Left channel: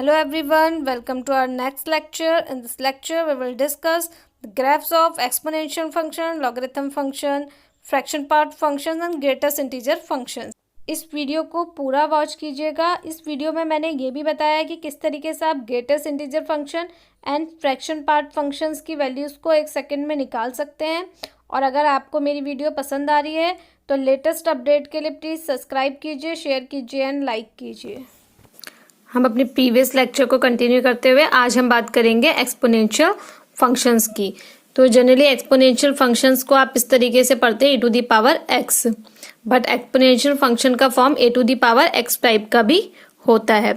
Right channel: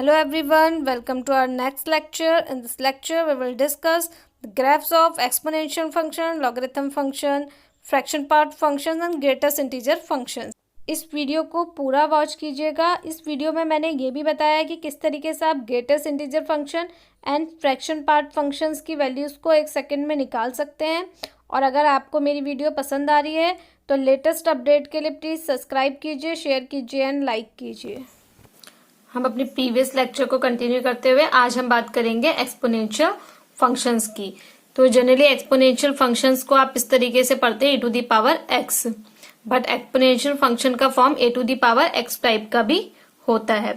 Hello everyone, welcome to our next lecture. In this lecture, we will discuss the graphs of exponential function, logarithm function, fraction part functions and greatest integer functions. इस video को पूरा watch कीजिएगा। इस video में मैंने ये भी बताया कि किस तरीके से आप greatest integer function and fraction part functions की वैल्यूज़ को एक सेकंड में निकाल सकते हैं। और अगर आपको मेरी वीडियो पसंद आ रही है तो लेटेस्ट अपडेट के लिए प्लीज़ सब्सक्राइब कीजिए, शेयर कीजिए एंड लाइक कीजिए। हम अपने प्रीवियस लेक्चर को कंटिन्यू करते हुए आज हम बात करेंगे एक्सपोनेंशियल फंक्शंस की। तो जनरली एक्सपोनेंशियल फंक्शंस को आप इस तरीके से पढ़ते हैं e⁻x, बट एक्सपोनेंशियल फंक्शन का फॉर्म e⁻x टाइप का भी होता है।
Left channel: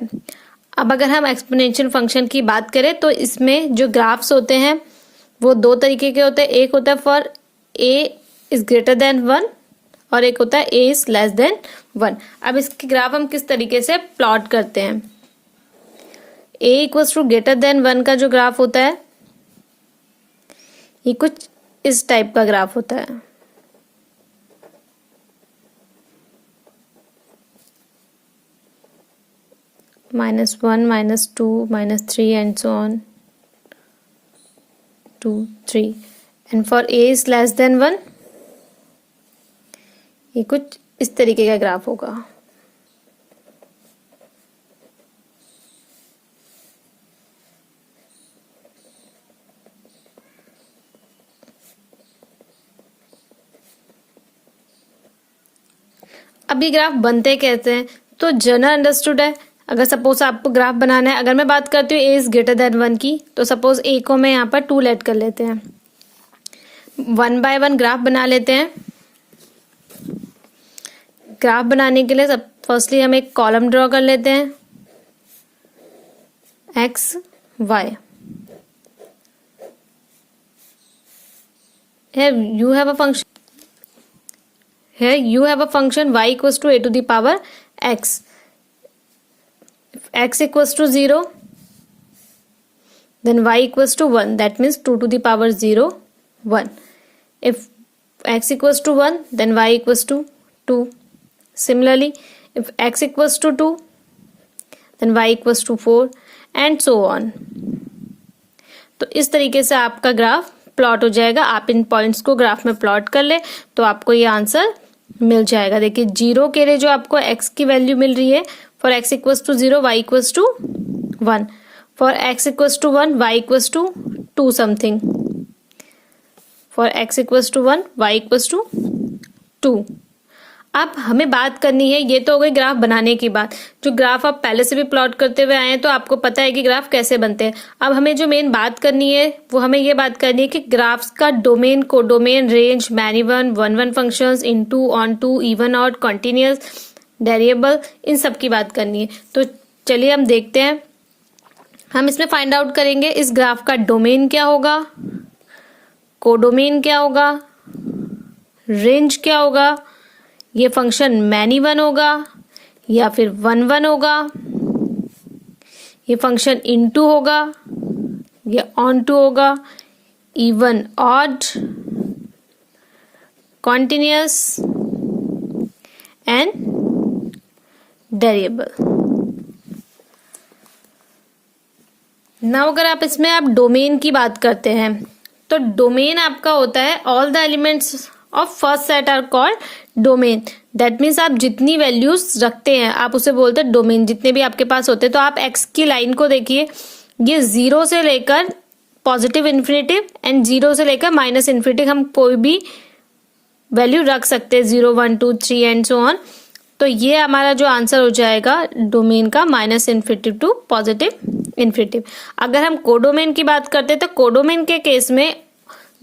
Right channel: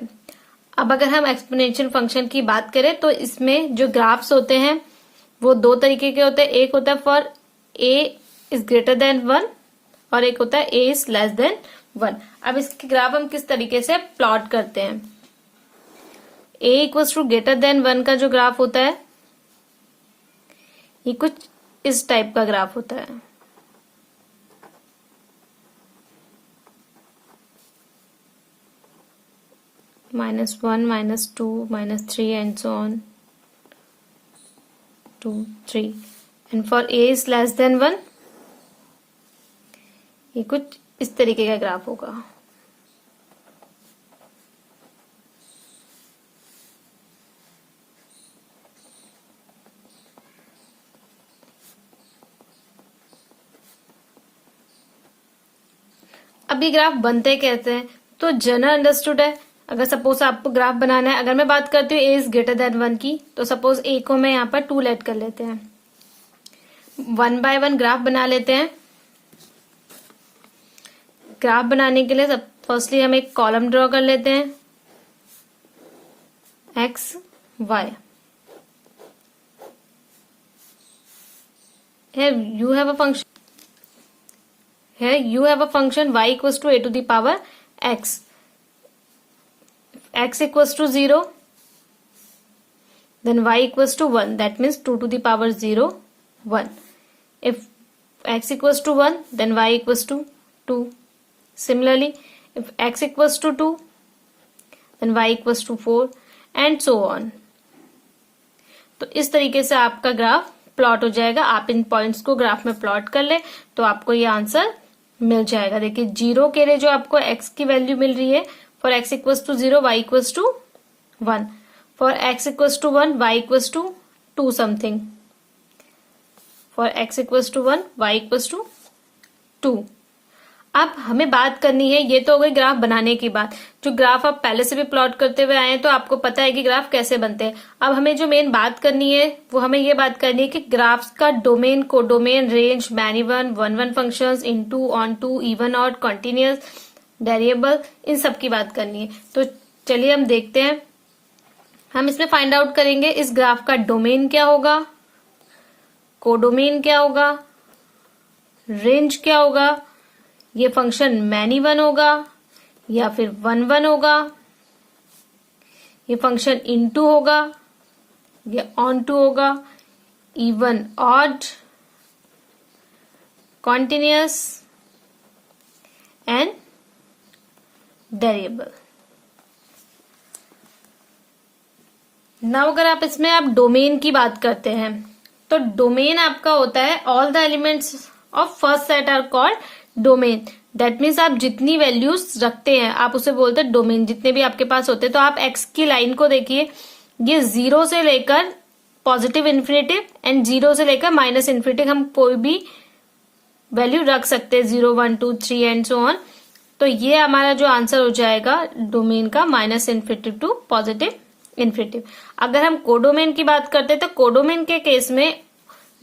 अब अगर हम एक्सपोनेंशियल फंक्शन की बात करें तो इसमें जो ग्राफ्स होते हैं वो दो तरीके के होते हैं। एक होता है for a is greater than 1 और एक होता है a इज लेस देन 1। अब इसकी ग्राफ हम किस तरीके से प्लॉट करते हैं। a equals to greater than 1 का जो ग्राफ होता है ये कुछ इस टाइप का ग्राफ होता है। -1, -2, -3 and so on 2, 3 and for a is less than 1 ये कुछ इस तरीके का ग्राफ होगा। अब ये ग्राफ बनते कैसे हैं तो जनरल अंडरस्टूड है। अगर सपोज आपको ग्राफ बनाना है, अगर मैं बात करती हूँ a इज ग्रेटर देन 1 की, तो सपोज a को मैं यहाँ पर 2 लेट कर लेते हैं। 1 बाय 1 ग्राफ बना लेते हैं। ग्राफ बनाने के लिए फर्स्टली हम एक कॉलम ड्रॉ कर लेते हैं x y। you have a function y equals to a⁻x. If x equals to 0 then y equals to 1, that means 2⁻0 1. If x equals to 1 then y equals to 2. Similarly, if x equals to 2 then y equals to 4 and so on. तो इस तरीके से आपका graph plot हो जाएगा। आप इन points को graph में प्लॉट कर ले तो आपको ये आंसर मिल जाएगा। देखिए 0 के लिए जो आपको x की वैल्यू मिल रही है, for x equals to 0 y equals to 1, for x equals to 1 y equals to 2 something, for x equals to 1 y equals to 2। अब हमें बात करनी है, ये तो हो गई ग्राफ बनाने की बात। जो ग्राफ आप पहले से भी प्लॉट करते हुए आए हैं तो आपको पता है कि ग्राफ कैसे बनते हैं। अब हमें जो मेन बात करनी है वो हमें ये बात करनी है कि ग्राफ्स का domain, codomain, range, many one, one functions, into, onto, even, odd, continuous, variable, इन सब की बात करनी है। तो चलिए हम देखते हैं। हम इसमें फाइंड आउट करेंगे इस ग्राफ का डोमेन क्या होगा, कोडोमेन क्या होगा, रेंज क्या होगा, ये फंक्शन मैनी वन होगा या फिर वन होगा, ये फंक्शन इनटू होगा या ऑनटू होगा, even, odd, continuous and variable. Now अगर आप इसमें आप डोमेन की बात करते हैं तो डोमेन आपका होता है all the elements of first set are called domain. That means आप जितनी वैल्यूज रखते हैं आप उसे बोलते हैं डोमेन, जितने भी आपके पास होते हैं। तो आप x की लाइन को देखिए, ये 0 से लेकर पॉजिटिव इन्फिनिटिव एंड 0 से लेकर माइनस इन्फिनिटिव हम कोई भी वैल्यू रख सकते हैं, 0, 1, 2, 3 एंड सो ऑन। तो ये हमारा जो आंसर हो जाएगा डोमेन का -इन्फिनिटिव टू पॉजिटिव इन्फिनिटिव। अगर हम कोडोमेन की बात करते हैं तो कोडोमेन के केस में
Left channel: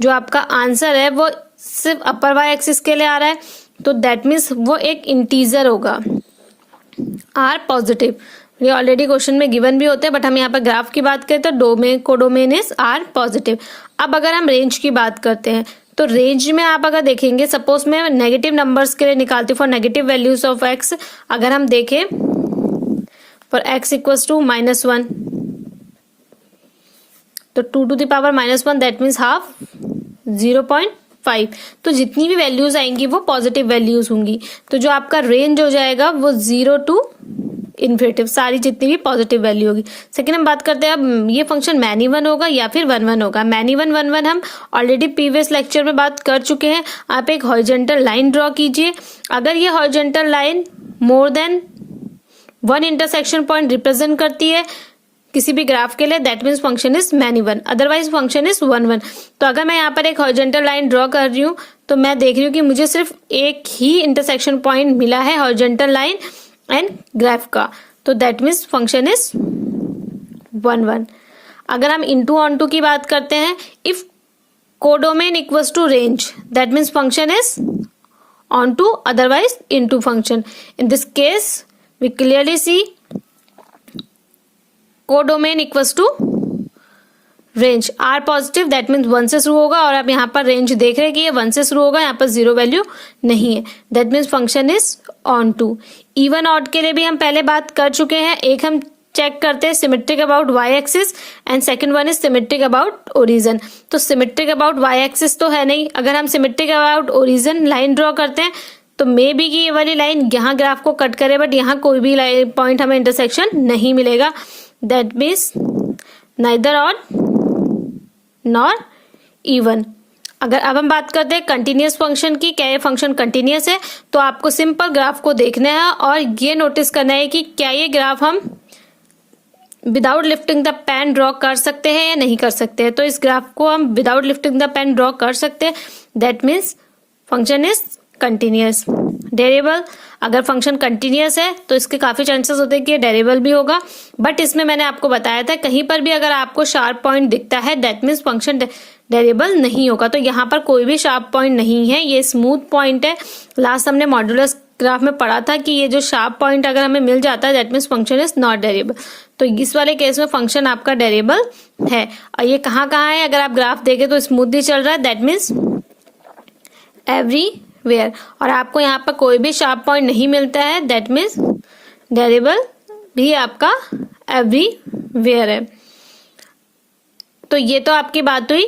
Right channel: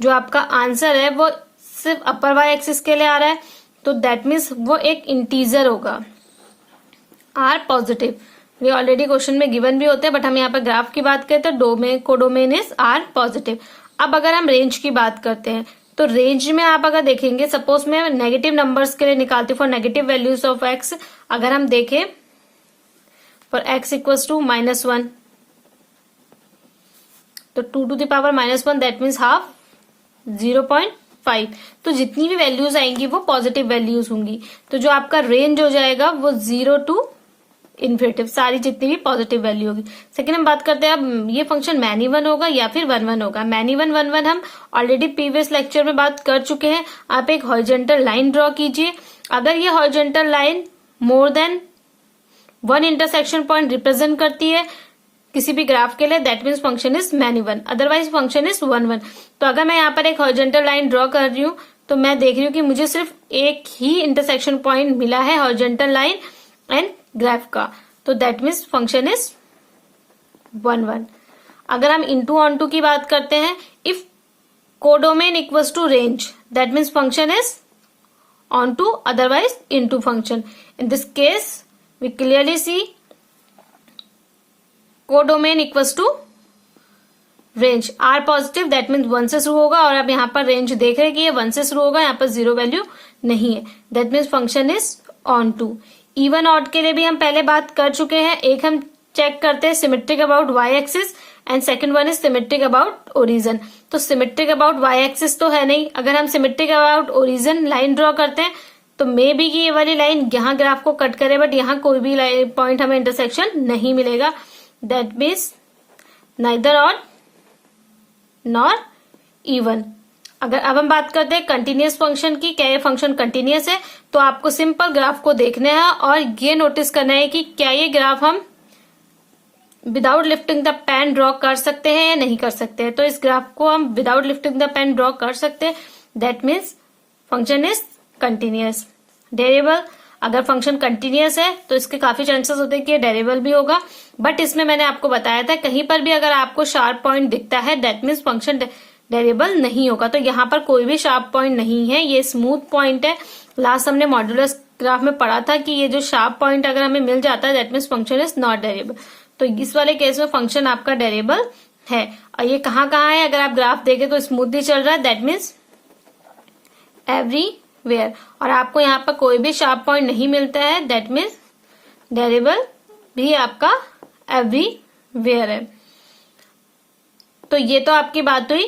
जो आपका आंसर है वो सिर्फ अपर वाई एक्सिस के लिए आ रहा है, तो दैट मीन्स वो एक इंटीजर होगा, आर पॉजिटिव। ये ऑलरेडी क्वेश्चन में गिवन भी होते हैं, बट हम यहाँ पर ग्राफ की बात करें तो domain, codomain is R positive. अब अगर हम रेंज की बात करते हैं तो रेंज में आप अगर देखेंगे, सपोज मैं नेगेटिव नंबर्स के लिए निकालती हूँ for negative values of x. अगर हम देखें फॉर एक्स इक्वल्स टू -1 तो 2⁻−1 दैट मीन्स हाफ 0.5। तो जितनी भी वैल्यूज आएंगी वो पॉजिटिव वैल्यूज होंगी। तो जो आपका रेंज हो जाएगा वो 0 to इन्फिनेटिव, सारी जितनी भी पॉजिटिव वैल्यू होगी। सेकंड हम बात करते हैं अब ये फंक्शन मैन इवन होगा या फिर वन वन होगा। मैन इवन वन वन हम ऑलरेडी प्रीवियस लेक्चर में बात कर चुके हैं। आप एक हॉरिजॉन्टल लाइन ड्रॉ कीजिए, अगर ये horizontal line more than one intersection point represent करती है किसी भी ग्राफ के लिए, that means function is man even, otherwise function is one one. तो अगर मैं यहाँ पर एक हॉरिजॉन्टल लाइन ड्रॉ कर रही हूँ तो मैं देख रही हूँ कि मुझे सिर्फ एक ही इंटरसेक्शन पॉइंट मिला है हॉरिजॉन्टल लाइन एंड ग्राफ का, तो that means function is one one. अगर हम इनटू ऑन टू की बात करते हैं, if codomain equals to range, that means function is onto, otherwise into function. In this case we clearly see codomain equals to range, R positive, that means one से शुरू होगा, और आप यहाँ पर रेंज देख रहे हैं कि ये वन से शुरू होगा, यहाँ पर जीरो वैल्यू नहीं है, that means function is onto. Even odd के लिए भी हम पहले बात कर चुके हैं। एक हम चेक करते हैं symmetric about Y axis and second one is symmetric about origin. तो सिमेट्रिक अबाउट वाई एक्सिस तो है नहीं, अगर हम symmetric about origin line draw करते हैं तो मे बी कि ये वाली लाइन यहाँ ग्राफ को कट करे, बट यहाँ कोई भी पॉइंट हमें इंटरसेक्शन नहीं मिलेगा, that means neither odd nor even. अगर अब हम बात करते हैं कंटिन्यूअस फंक्शन की, क्या ये फंक्शन कंटिन्यूअस है, तो आपको सिंपल ग्राफ को देखना है और ये नोटिस करना है कि क्या ये ग्राफ हम without lifting the pen draw कर सकते हैं या नहीं कर सकते हैं। तो इस ग्राफ को हम without lifting the pen draw कर सकते हैं, that means function is continuous. Derivable, अगर फंक्शन कंटिन्यूअस है तो इसके काफी चांसेस होते हैं कि डेरिवेबल भी होगा, बट इसमें मैंने आपको बताया था कहीं पर भी अगर आपको शार्प पॉइंट दिखता है दैट मीन्स फंक्शन डेरिवेबल नहीं होगा। तो यहाँ पर कोई भी शार्प पॉइंट नहीं है, ये स्मूथ पॉइंट है। लास्ट हमने मॉड्यूलस ग्राफ में पढ़ा था कि ये जो शार्प पॉइंट अगर हमें मिल जाता है that means function is not derivable. तो इस वाले केस में फंक्शन आपका डेरिवेबल है। और ये कहाँ है, अगर आप ग्राफ देखें तो स्मूथली चल रहा है, दैट मीन्स एवरीवेयर। और आपको यहाँ पर कोई भी शार्प पॉइंट नहीं मिलता है, दैट मीन्स डेरिवेबल भी आपका एवरीवेयर है। तो ये तो आपकी बात हुई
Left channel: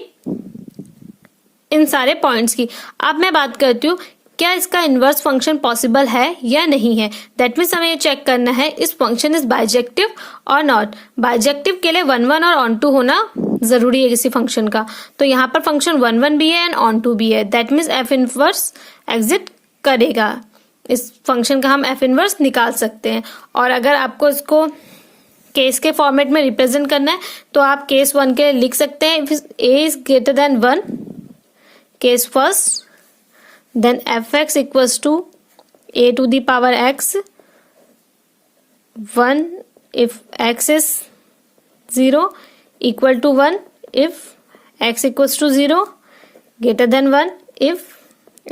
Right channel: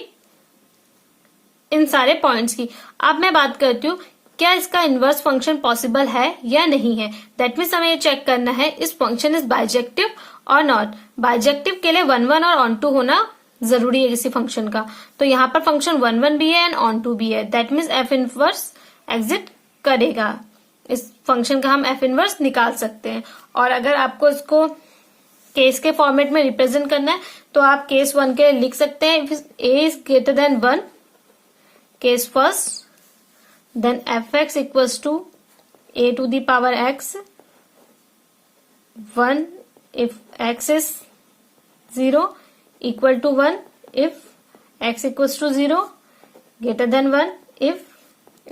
इन सारे पॉइंट्स की। अब मैं बात करती हूँ क्या इसका इनवर्स फंक्शन पॉसिबल है या नहीं है। दैट मीन्स हमें ये चेक करना है इस फंक्शन इज बाइजेक्टिव और नॉट। बाइजेक्टिव के लिए वन वन और ऑन टू होना जरूरी है किसी फंक्शन का। तो यहाँ पर फंक्शन वन वन भी है एंड ऑन टू भी है, that means f inverse exit करेगा। इस फंक्शन का हम एफ इनवर्स निकाल सकते हैं। और अगर आपको इसको केस के फॉर्मेट में रिप्रेजेंट करना है तो आप केस वन के लिए लिख सकते हैं, a is greater than one, case first, then fx equals to a to the power x 1 if x is 0 equal to 1 if x equals to 0 greater than 1 if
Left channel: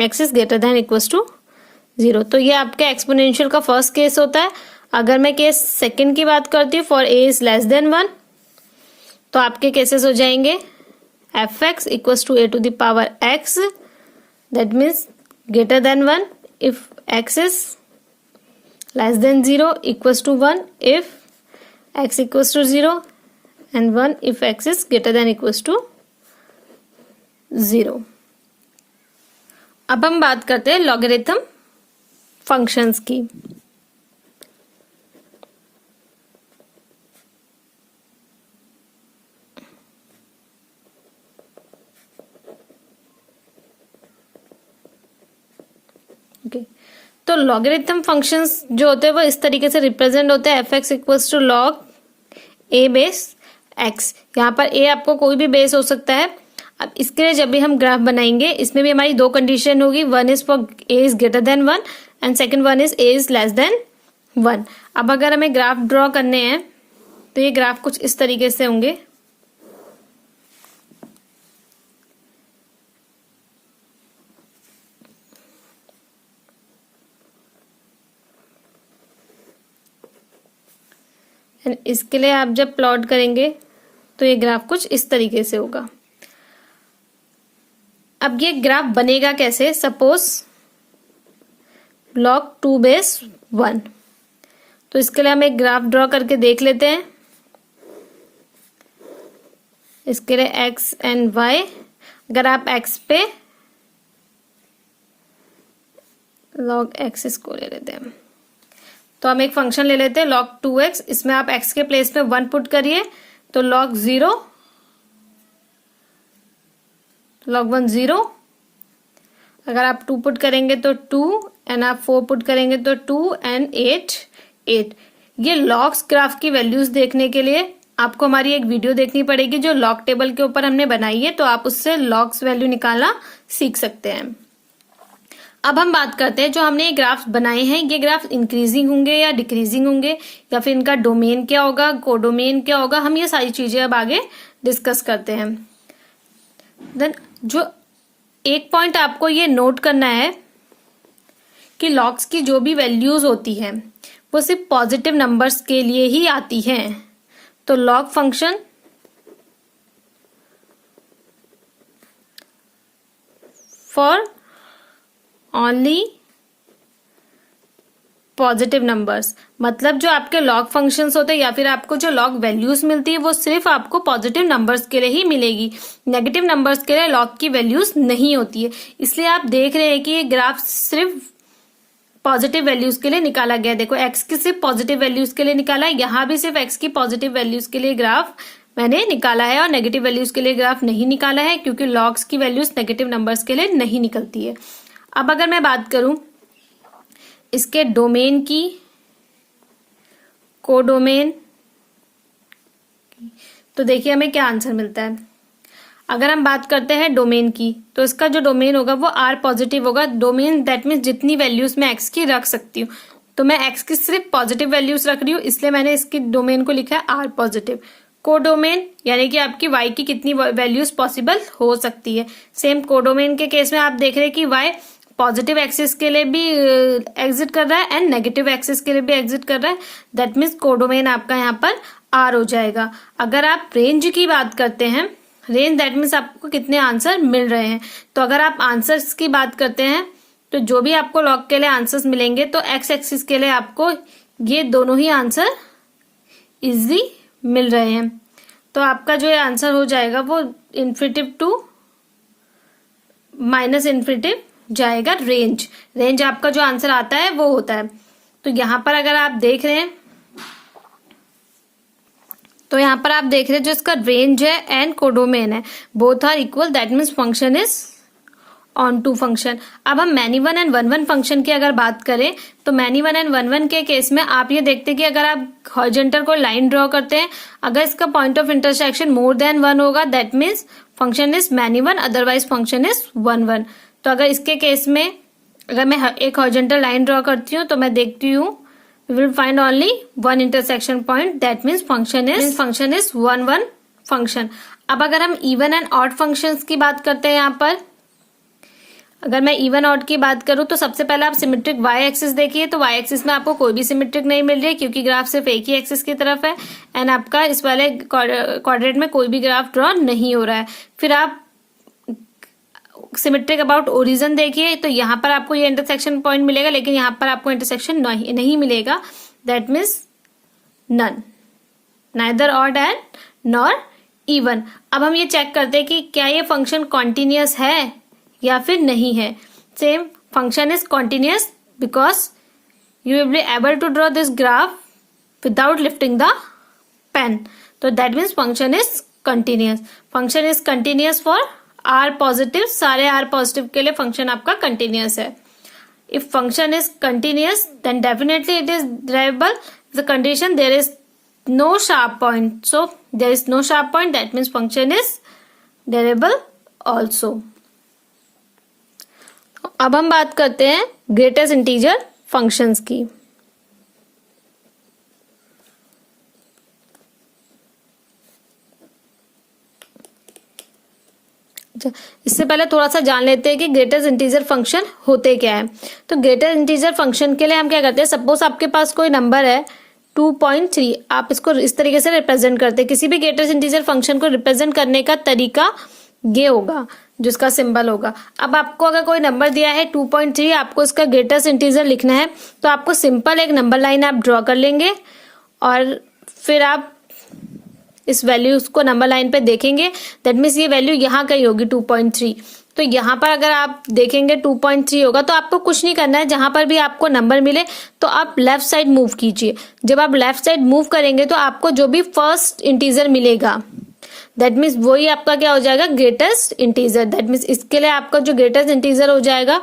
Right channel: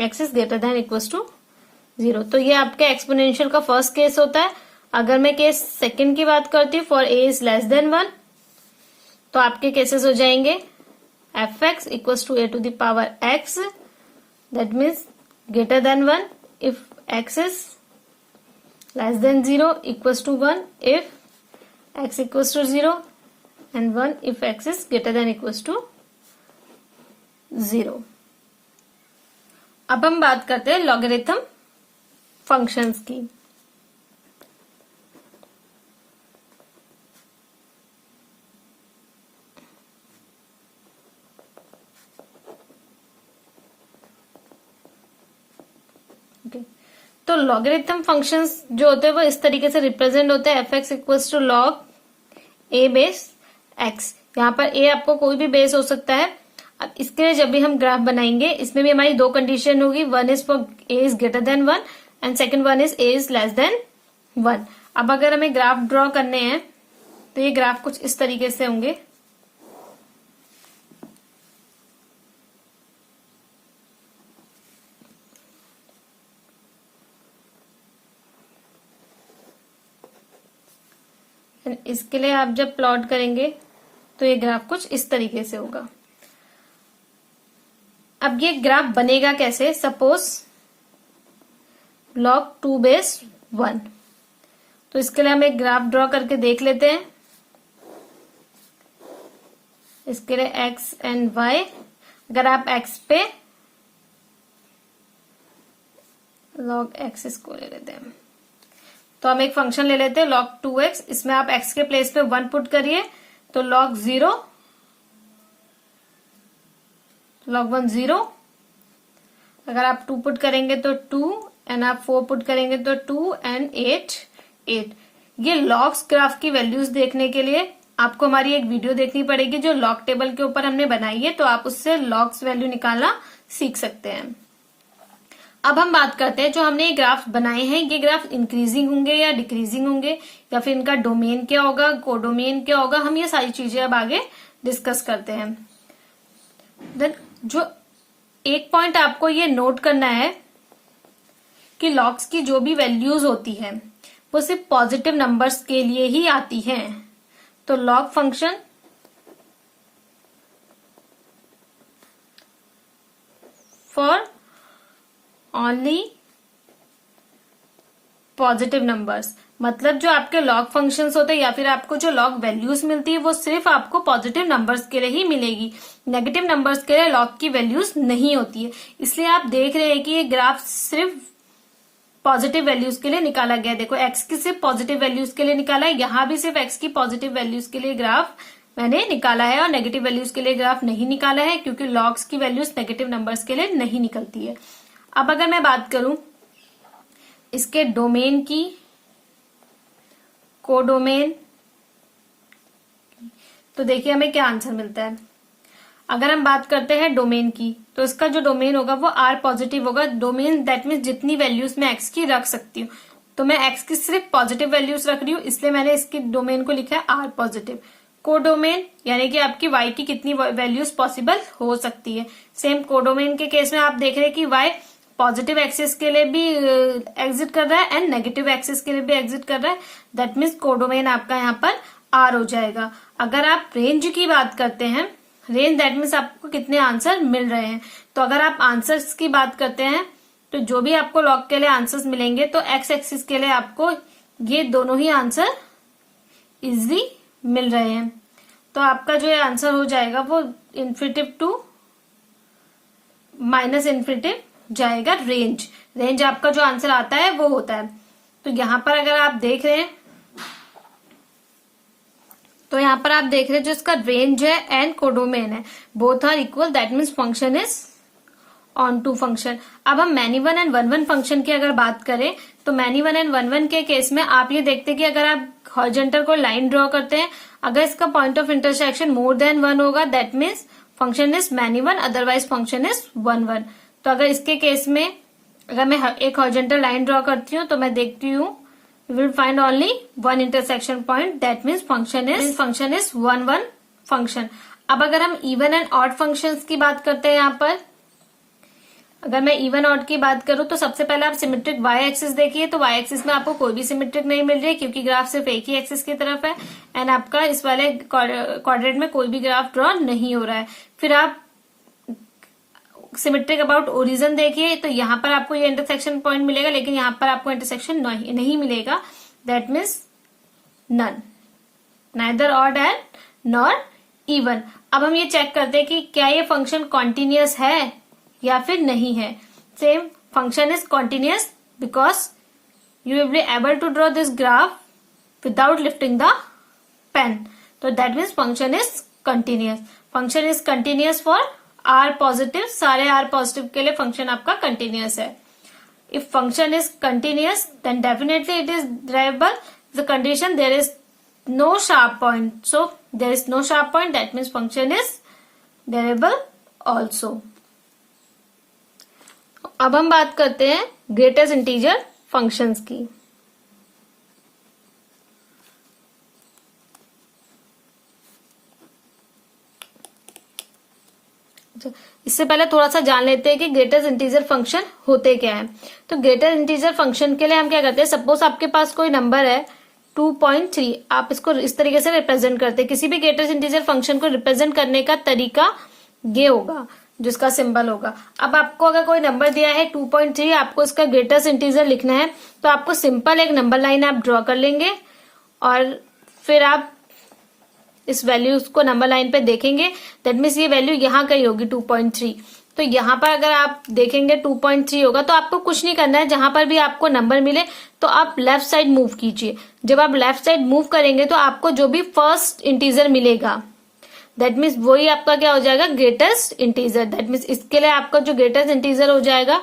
x is greater than equals to 0। तो ये आपके exponential का first case होता है। अगर मैं case second की बात करती हूँ for a is less than 1 तो आपके केसेस हो जाएंगे fx equals to a to the power x, that means greater than 1 if x is less than 0 equals to 1 if x equals to 0 and 1 if x is greater than equals to 0। अब हम बात करते हैं logarithm functions की। तो logarithm functions जो होते हैं वो इस तरीके से रिप्रेजेंट होते हैं, F X equals to log A base X. यहाँ पर ए आपको कोई भी बेस हो सकता है। अब इसके लिए जब भी हम ग्राफ बनाएंगे इसमें भी हमारी दो कंडीशन होगी, one is for a is greater than 1 and second one is a is less than 1। अब अगर हमें ग्राफ ड्रॉ करने हैं तो ये ग्राफ कुछ इस तरीके से होंगे। इसके लिए आप जब प्लॉट करेंगे तो ये ग्राफ कुछ इस तरीके से होगा। अब ये ग्राफ बनेगा कैसे, सपोज log 2 बेस 1, तो इसके लिए हम एक ग्राफ ड्रॉ करके देख लेते हैं। इसके लिए x एंड y, अगर आप x पे log x इसको ले लेते हैं तो हम एक फंक्शन ले लेते हैं log 2x, इसमें आप x के प्लेस पे 1 पुट करिए तो log 0, log 1 0, अगर आप 2 पुट करेंगे तो 2 एंड आप 4 पुट करेंगे तो 2 एंड 8 8। ये लॉग्स ग्राफ की वैल्यूज देखने के लिए आपको हमारी एक वीडियो देखनी पड़ेगी जो लॉग टेबल के ऊपर हमने बनाई है, तो आप उससे लॉग्स वैल्यू निकालना सीख सकते हैं। अब हम बात करते हैं जो हमने ये ग्राफ बनाए हैं, ये ग्राफ इंक्रीजिंग होंगे या डिक्रीजिंग होंगे, या फिर इनका डोमेन क्या होगा, कोडोमेन क्या होगा, हम ये सारी चीजें अब आगे डिस्कस करते हैं। देन जो एक पॉइंट आपको ये नोट करना है कि लॉग्स की जो भी वैल्यूज होती है वो सिर्फ पॉजिटिव नंबर्स के लिए ही आती हैं। तो log function for only positive numbers, मतलब जो आपके लॉग फंक्शंस होते हैं या फिर आपको जो लॉग वैल्यूज मिलती है वो सिर्फ आपको पॉजिटिव नंबर्स के लिए ही मिलेगी। नेगेटिव नंबर्स के लिए लॉग की वैल्यूज नहीं होती है। इसलिए आप देख रहे हैं कि ये ग्राफ सिर्फ पॉजिटिव वैल्यूज के लिए निकाला गया। देखो x की सिर्फ पॉजिटिव वैल्यूज के लिए निकाला है, यहाँ भी सिर्फ x की पॉजिटिव वैल्यूज के लिए ग्राफ मैंने निकाला है और नेगेटिव वैल्यूज के लिए ग्राफ नहीं निकाला है, क्योंकि लॉग्स की वैल्यूज नेगेटिव नंबर्स के लिए नहीं निकलती है। अब अगर मैं बात करूं इसके डोमेन की, कोडोमेन, तो देखिए हमें क्या आंसर मिलता है। अगर हम बात करते हैं डोमेन की, तो इसका जो डोमेन होगा वो R पॉजिटिव होगा। डोमेन दैट मीन्स जितनी वैल्यूज मैं x की रख सकती हूँ, तो मैं x की सिर्फ पॉजिटिव वैल्यूज रख रही हूँ, इसलिए मैंने इसकी डोमेन को लिखा है R पॉजिटिव। कोडोमेन यानी कि आपकी y की कितनी वैल्यूज पॉसिबल हो सकती है। सेम कोडोमेन के केस में आप देख रहे हैं कि y पॉजिटिव एक्सिस के लिए भी एग्जिट कर रहा है एंड नेगेटिव एक्सिस के लिए भी एग्जिट कर रहा है। दैट मीन्स कोडोमेन आपका यहाँ पर R हो जाएगा। अगर आप रेंज की बात करते हैं, रेंज दैट मीन्स आपको कितने आंसर मिल रहे हैं, तो अगर आप आंसर्स की बात करते हैं तो जो भी आपको लॉग के लिए आंसर्स मिलेंगे तो एक्स एक्सिस के लिए आपको ये दोनों ही आंसर इजी मिल रहे हैं। तो आपका जो आंसर हो जाएगा वो इन्फिनिटिव टू माइनस इन्फिनिटिव जाएगा। रेंज आपका जो आंसर आता है वो होता है। तो यहां पर अगर आप देख रहे हैं तो यहाँ पर आप देख रहे हैं जो इसका रेंज है एंड कोडोमेन है, both are equal, that means function is onto function. अब हम many one and one one function की अगर बात करें तो many one and one one के केस में आप ये देखते हैं कि अगर आप हॉरिजॉन्टल को लाइन ड्रॉ करते हैं, अगर इसका point of intersection more than 1 होगा that means function is many one, otherwise function is 1 1। तो अगर इसके केस में अगर मैं एक हॉरिजॉन्टल लाइन ड्रॉ करती हूँ तो मैं देखती हूँ we will find only one intersection point, that means function is 1 1 function। अब अगर हम इवन एंड ऑड फंक्शंस की बात करते हैं, यहाँ पर अगर मैं इवन ऑड की बात करूं तो सबसे पहले आप सिमेट्रिक y एक्सिस देखिए, तो y एक्सिस में आपको कोई भी सिमेट्रिक नहीं मिल रही है क्योंकि ग्राफ सिर्फ एक ही एक्सिस की तरफ है एंड आपका इस वाले क्वाड्रेंट में कोई भी ग्राफ ड्रॉ नहीं हो रहा है। फिर आप सिमेट्रिक अबाउट ओरिजिन देखिए, तो यहाँ पर आपको ये इंटरसेक्शन पॉइंट मिलेगा लेकिन यहाँ पर आपको इंटरसेक्शन नहीं मिलेगा, that means none, neither odd and nor even. अब हम ये चेक करते हैं कि क्या ये फंक्शन कॉन्टिन्यूअस है या फिर नहीं है। Same function is continuous because you will be able to draw this graph without lifting the pen, तो that means function is continuous. Function is continuous for R positive, सारे R पॉजिटिव के लिए function आपका continuous है। If function is continuous then definitely it is derivable. The condition there is no sharp point, so there is no sharp point, that means function is derivable also. अब हम बात करते हैं greatest integer functions की। इससे पहले थोड़ा सा जान लेते हैं कि ग्रेटेस्ट इंटीजर फंक्शन होते क्या है। तो ग्रेटेस्ट इंटीजर फंक्शन के लिए हम क्या करते हैं, सपोज आपके पास कोई नंबर है 2.3, आप इसको इस तरीके से रिप्रेजेंट करते हैं। किसी भी ग्रेटेस्ट इंटीजर फंक्शन को रिप्रेजेंट करने का तरीका ये होगा जिसका सिंबल होगा। अब आपको अगर कोई नंबर दिया है 2.3, आपको इसका ग्रेटेस्ट इंटीजर लिखना है तो आपको सिंपल एक नंबर लाइन आप ड्रॉ कर लेंगे और फिर आप इस वैल्यू को नंबर लाइन पे देखेंगे, दैट मीन्स ये वैल्यू यहाँ कहीं होगी 2.3। तो तो यहाँ पर अगर आप देखेंगे 2.3 होगा, तो आपको कुछ नहीं करना है, जहां पर भी आपको नंबर मिले तो आप लेफ्ट साइड मूव कीजिए। जब आप लेफ्ट साइड मूव करेंगे तो आपको जो भी फर्स्ट इंटीजर मिलेगा दैट मीन्स वही आपका क्या हो जाएगा, ग्रेटेस्ट इंटीजर। दैट मीन्स इसके लिए आपका जो ग्रेटेस्ट इंटीजर हो जाएगा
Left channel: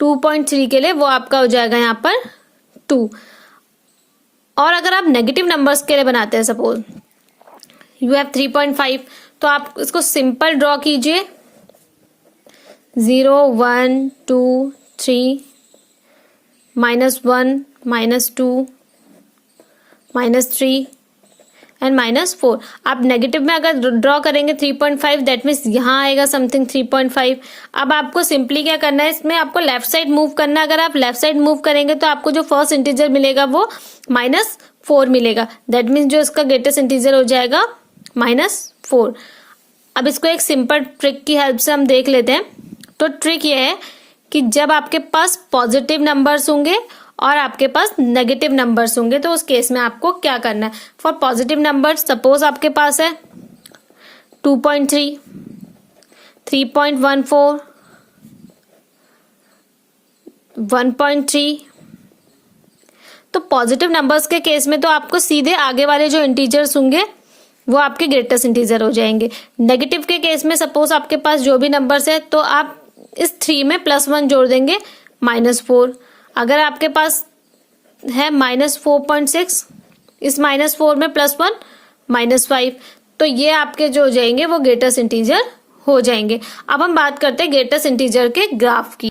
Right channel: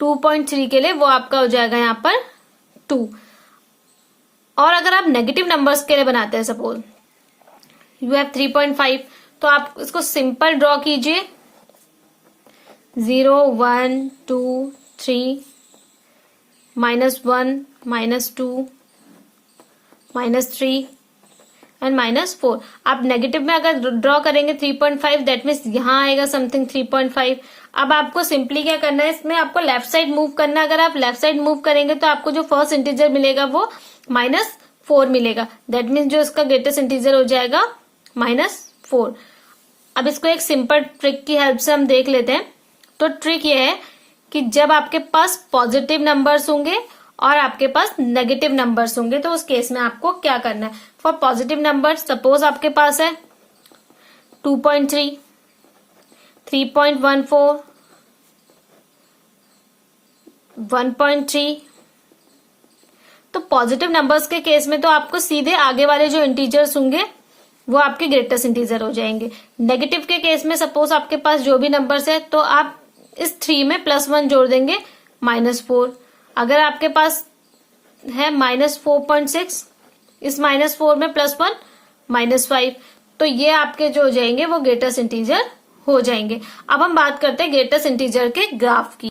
2.3 के लिए, वो आपका हो जाएगा यहाँ पर 2। और अगर आप नेगेटिव नंबर्स के लिए बनाते हैं, सपोज यू हैव 3.5, तो आप इसको सिंपल ड्रॉ कीजिए, 0 1 2 3 -1 -2 -3 एंड -4। आप नेगेटिव में अगर ड्रॉ करेंगे 3.5, दैट मीन्स यहाँ आएगा समथिंग 3.5। अब आपको सिंपली क्या करना है, इसमें आपको लेफ्ट साइड मूव करना है। अगर आप लेफ्ट साइड मूव करेंगे तो आपको जो फर्स्ट इंटीजर मिलेगा वो -4 मिलेगा। दैट मीन्स जो इसका ग्रेटेस्ट इंटीजर हो जाएगा -4। अब इसको एक सिंपल ट्रिक की हेल्प से हम देख लेते हैं। तो ट्रिक ये है कि जब आपके पास पॉजिटिव नंबर्स होंगे और आपके पास नेगेटिव नंबर्स होंगे, तो उस केस में आपको क्या करना है। फॉर पॉजिटिव नंबर, सपोज आपके पास है 2.3, 3.14, 1.3। तो पॉजिटिव नंबर्स के केस में तो आपको सीधे आगे वाले जो इंटीजर्स होंगे वो आपके ग्रेटेस्ट इंटीजर हो जाएंगे। नेगेटिव के केस में सपोज आपके पास जो भी नंबर्स है, तो आप इस 3 में +1 जोड़ देंगे, -4। अगर आपके पास है -4.6, इस -4 में +1 -5, तो ये आपके जो हो जाएंगे वो ग्रेटेस्ट इंटीजर हो जाएंगे। अब हम बात करते हैं ग्रेटेस्ट इंटीजर के ग्राफ की।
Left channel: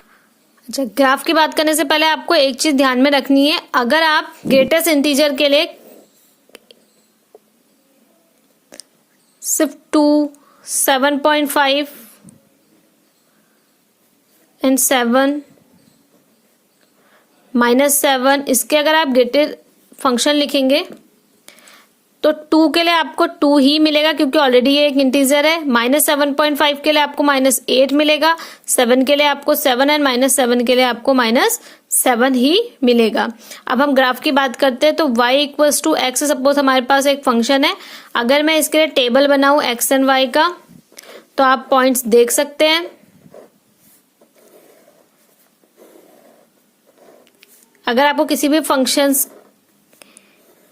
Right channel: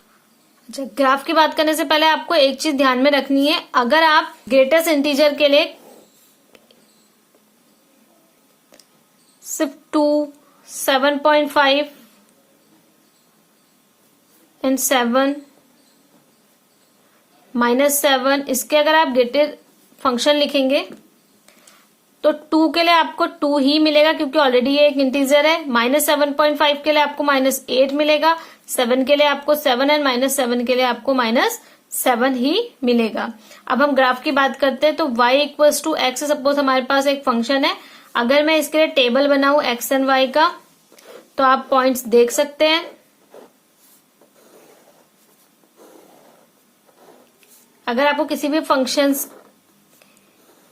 अच्छा, ग्राफ की बात करने से पहले आपको एक चीज ध्यान में रखनी है। अगर आप ग्रेटेस्ट इंटीजर के लिए सिर्फ 2, 7.5 एंड 7 -7 इसके अगर आप ग्रेटेड फंक्शन लिखेंगे तो 2 के लिए आपको 2 ही मिलेगा, क्योंकि ऑलरेडी ये एक इंटीजर है। -7.5 के लिए आपको -8 मिलेगा, 7 के लिए आपको 7 एंड -7 के लिए आपको -7 ही मिलेगा। अब हम ग्राफ की बात करते हैं। तो y = x, सपोज हमारे पास एक फंक्शन है। अगर मैं इसके लिए टेबल बनाऊं x एंड y का, तो आप पॉइंट्स देख सकते हैं। अगर आपको किसी भी फंक्शंस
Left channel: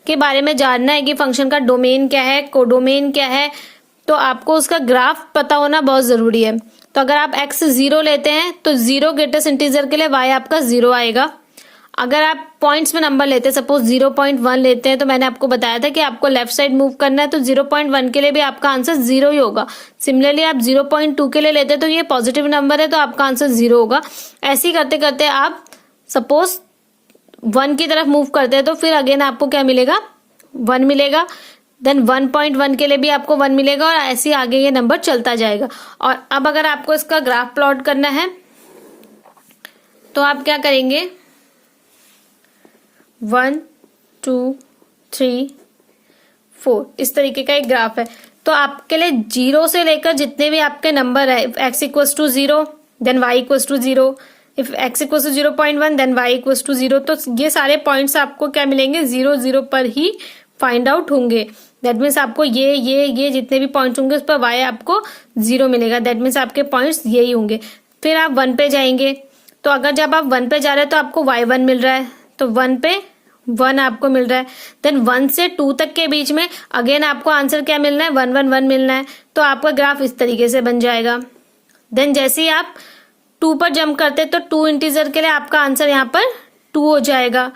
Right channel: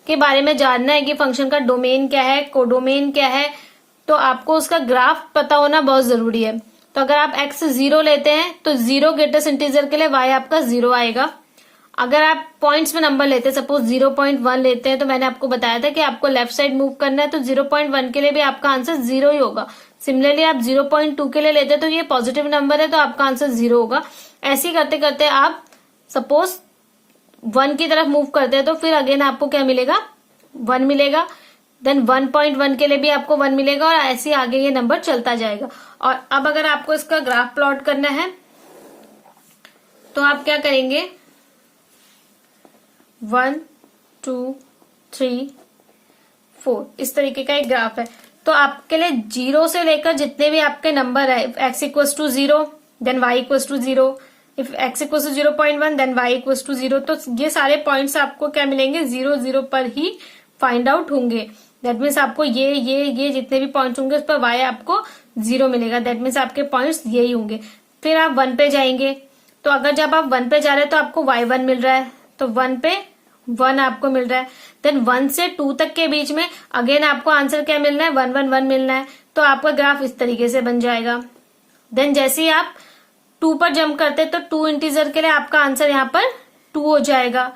के बारे में जानना है कि फंक्शन का डोमेन क्या है, कोडोमेन क्या है, तो आपको उसका ग्राफ पता होना बहुत जरूरी है। तो अगर आप x 0 लेते हैं तो 0 ग्रेटेस्ट इंटीजर के लिए y आपका 0 आएगा। अगर आप पॉइंट्स में नंबर लेते हैं, सपोज 0.1 लेते हैं, तो मैंने आपको बताया था कि आपको लेफ्ट साइड मूव करना है, तो 0.1 के लिए भी आपका आंसर 0 ही होगा। सिमिलरली आप 0.2 के लिए लेते हैं तो ये पॉजिटिव नंबर है, तो आपका आंसर 0 होगा। ऐसे ही करते करते आप सपोज 1 की तरफ मूव करते हैं, तो फिर अगेन आपको क्या मिलेगा, 1 मिलेगा। देन 1.1 के लिए भी आपको 1 मिलेगा, और ऐसे आगे ये नंबर चलता जाएगा। और अब अगर आपको इसका ग्राफ प्लॉट करना है तो आप क्या करेंगे, 1 2 3 4 इस तरीके का एक ग्राफ है। तो आपके लिए 0 से लेकर जितने भी आपके नंबर है, x = 0 then y = 0, if x = 0.1 then y = 0, तो ये सारे पॉइंट्स आपको क्या मिलेंगे, 0 0 पर ही फाइंड आउट होंगे। दैट मीन्स आपको ये जितने भी पॉइंट्स होंगे उस पर y आपको 0 मिलेगा। दैट मीन्स आपके पॉइंट्स यही होंगे। फिर आप 1 पे जाएंगे, तो अगर जब आप 1 पे जा रहे हैं तो आपको y1 मिल रहा है, तो 1 पे 1 आपको मिल रहा है। देन 1 से 2 तक के बीच में अगेन आपको आंसर क्या मिलना है, 1 1 1 मिलना है। तो आपका ग्राफ इस तरीके से बन जाएगा। देन जैसे ही आप 2 पर जंप करते हैं तो 2 इंटीजर के लिए आपका आंसर यहाँ पर 2 हो जाएगा,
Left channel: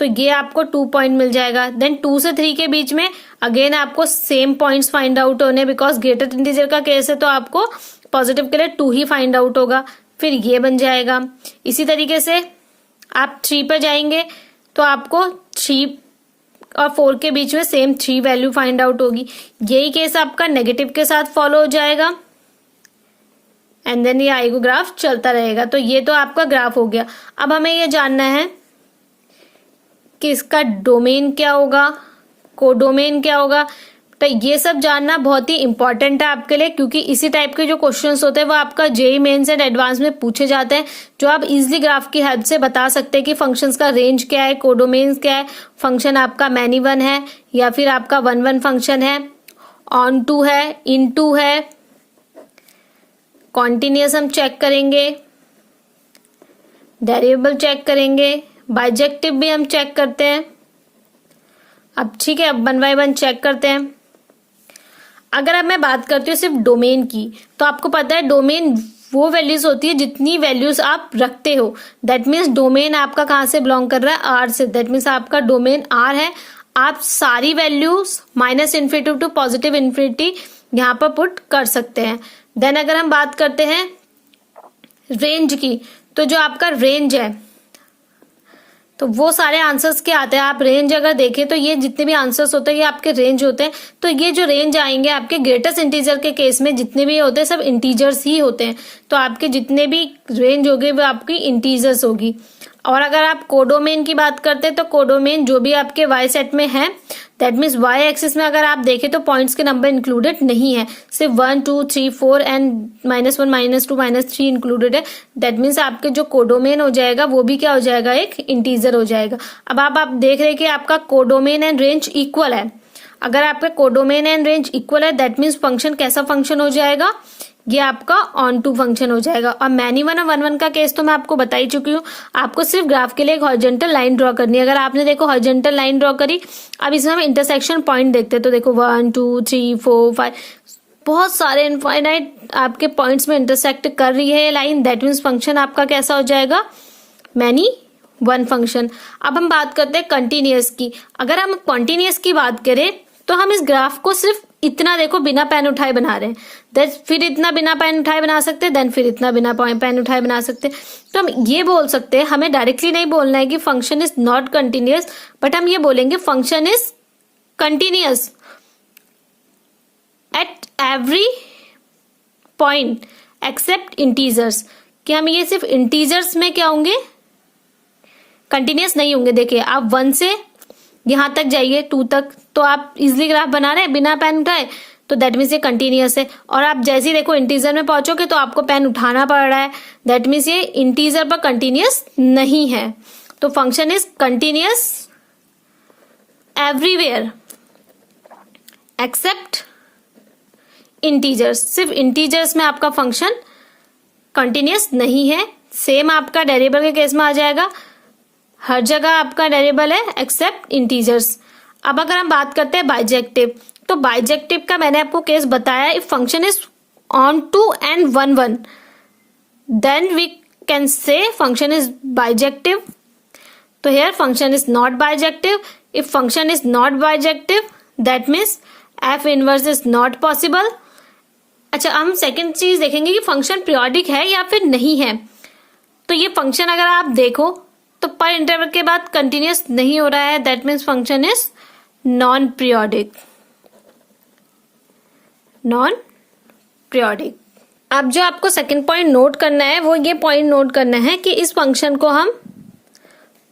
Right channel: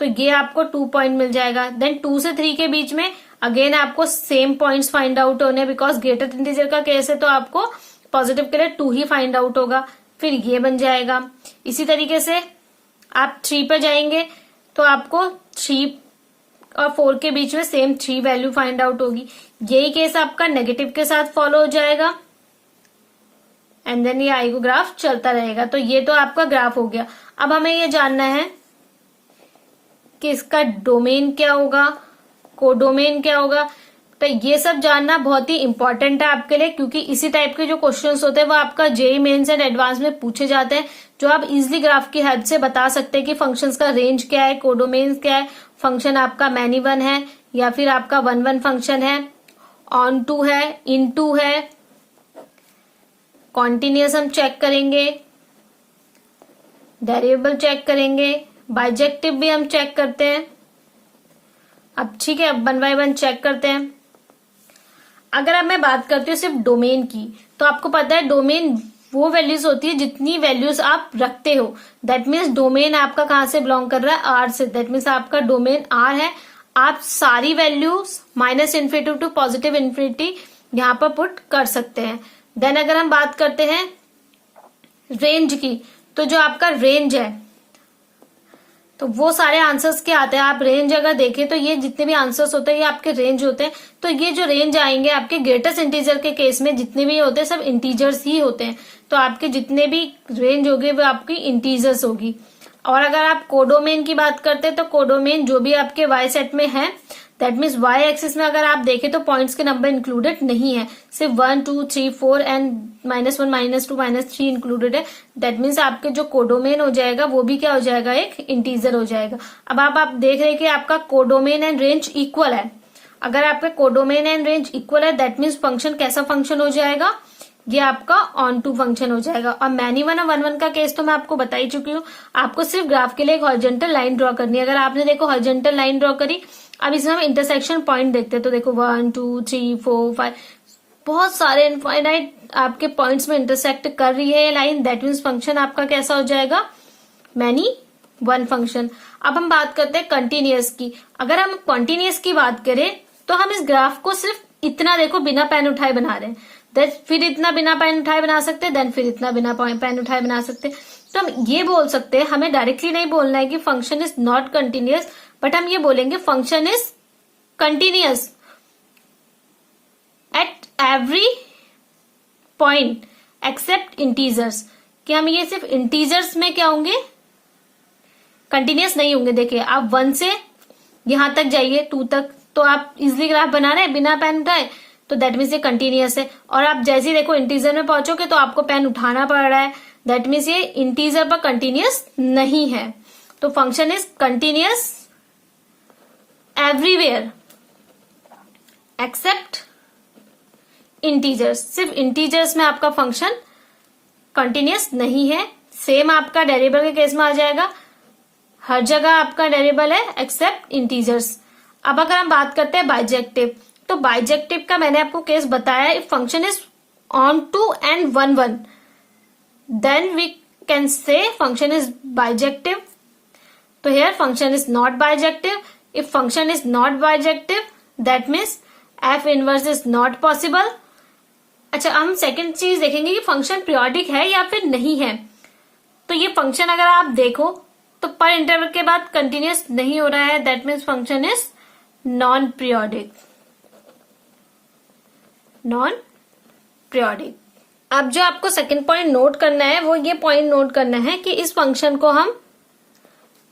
तो ये आपको 2 पॉइंट मिल जाएगा। देन 2 से 3 के बीच में अगेन आपको सेम पॉइंट्स फाइंड आउट होने, बिकॉज ग्रेटेस्ट इंटीजर का केस है तो आपको पॉजिटिव के लिए 2 ही फाइंड आउट होगा। फिर ये बन जाएगा। इसी तरीके से आप 3 पे जाएंगे तो आपको 3 और 4 के बीच में सेम 3 वैल्यू फाइंड आउट होगी। यही केस आपका नेगेटिव के साथ फॉलो हो जाएगा, एंड देन ये आई को ग्राफ चलता रहेगा। तो ये तो आपका ग्राफ हो गया। अब हमें ये जानना है कि इसका डोमेन क्या होगा, कोडोमेन क्या होगा। तो ये सब जानना बहुत ही इंपॉर्टेंट है आपके लिए, क्योंकि इसी टाइप के जो क्वेश्चंस होते हैं वो आपका जेईई मेंस एंड एडवांस में पूछे जाते हैं, जो आप इजिली ग्राफ की हेल्प से बता सकते हैं कि फंक्शंस का रेंज क्या है, कोडोमेन क्या है, फंक्शन आपका मैनी वन है या फिर आपका 1 1 फंक्शन है, ऑन टू है, इन टू है, कॉन्टिन्यूस हम चेक करेंगे, डेरिवेबल चेक करेंगे, बाइजेक्टिव भी हम चेक करते हैं। अब ठीक है, अब 1 बाय 1 चेक करते हैं। अगर अब मैं बात करती हूँ सिर्फ डोमेन की, तो आपको पता है डोमेन वो वैल्यूज होती है जितनी वैल्यूज आप रखते हो। दैट मीन्स डोमेन आपका कहाँ से बिलोंग कर रहा है, आर से। दैट मीन्स आपका डोमेन आर है, आप सारी values -infinity to positive infinity यहाँ पर पुट कर सकते हैं। देन अगर हम बात करते हैं रेंज की, तो जो आपका रेंज है, तो वो सारे आंसर्स क्या आते हैं, आप रेंज अगर देखें तो ये जितने भी आंसर्स होते हैं ये आपके रेंज होते हैं। तो ये जो रेंज आएंगे आपके ग्रेटेस्ट इंटीजर के केस में जितने भी होते हैं सब इंटीजर्स ही होते हैं। तो आपके जितने भी रेंज होंगे वो आपकी इंटीजर्स होगी। और अगर आप कोडोमेन की बात करते हैं तो कोडोमेन जो भी आपके वाई सेट में है, दैट मीन्स वाई एक्सिस में अगर आप देखें तो पॉइंट्स के नंबर इंक्लूडेड नहीं है, सिर्फ 1 2 3 4 एंड -1 -2 -3 इंक्लूडेड है। दैट मीन्स आपके जो कोडोमेन हो जाएगा वो भी क्या हो जाएगा, एक इंटीजर हो जाएगा। अब आप देख रहे हैं कि आपका कोडोमेन एंड रेंज इक्वल है। अगर आपका कोडोमेन एंड रेंज इक्वल है दैट मीन्स फंक्शन कैसा फंक्शन हो जाएगा, ये आपका ऑन टू फंक्शन हो जाएगा। और मैनी वन और 1 1 का केस तो मैं आपको बता ही चुकी हूँ। आपको सिर्फ ग्राफ के लिए एक हॉरिजॉन्टल लाइन ड्रॉ करनी है। अगर आपने देखो हॉरिजॉन्टल लाइन ड्रॉ करी, अब इसमें हम इंटरसेक्शन पॉइंट देखते हैं। तो देखो 1 2 3 4 5 बहुत सारे इनफाइनाइट आपके पॉइंट्स में इंटरसेक्ट कर रही है ये लाइन। दैट मीन्स फंक्शन आपका कैसा हो जाएगा, मैनी वन फंक्शन। अब हम बात करते हैं कंटिन्यूअस की। अगर हम कंटिन्यूअस की बात करें तो हम इस ग्राफ को सिर्फ इतना देखो बिना पेन उठाए बना रहे हैं, देन फिर इतना बिना पेन उठाए बना सकते हैं, देन फिर इतना बिना पेन उठाए बना सकते हैं। तो हम ये बोल सकते हैं, हमें डायरेक्टली नहीं बोलना है कि function is not continuous, but हम ये बोलेंगे function is continuous at every point accept integers. कि हम ये सिर्फ इंटीजर्स में क्या होंगे, कंटिन्यूअस नहीं होंगे। देखिए आप 1 से यहां तक जाइए 2 तक, तो आप इजिली ग्राफ बना रहे हैं बिना पेन उठाए, तो दैट मीन्स ये कंटिन्यूअस है। और आप जैसे ही देखो इंटीजर में पहुंचोगे तो आपको पेन उठाना पड़ रहा है, दैट मीन्स ये इंटीजर पर कंटिन्यूअस नहीं है। तो function is continuous everywhere except integers. सिर्फ इंटीजर्स में आपका फंक्शन कंटिन्यूअस नहीं है। सेम आपका डेरिवेबल के केस में आ जाएगा, हर जगह आपका डेरिवेबल है एक्सेप्ट इंटीजर्स। अब अगर हम बात करते हैं बाइजेक्टिव, तो बाइजेक्टिव का मैंने आपको केस बताया, if function is onto and 1 1 then we can say function is bijective. तो here function is not bijective. If function is not bijective that means f inverse is not possible. अच्छा, हम second चीज देखेंगे कि function periodic है या फिर नहीं है। तो ये फंक्शन अगर आप देखो तो पर इंटरवल के बाद कंटिन्यूअस नहीं हो रहा है, that means function is non periodic. Non periodic. अब जो आपको सेकंड पॉइंट नोट करना है वो ये पॉइंट नोट करना है कि इस फंक्शन को हम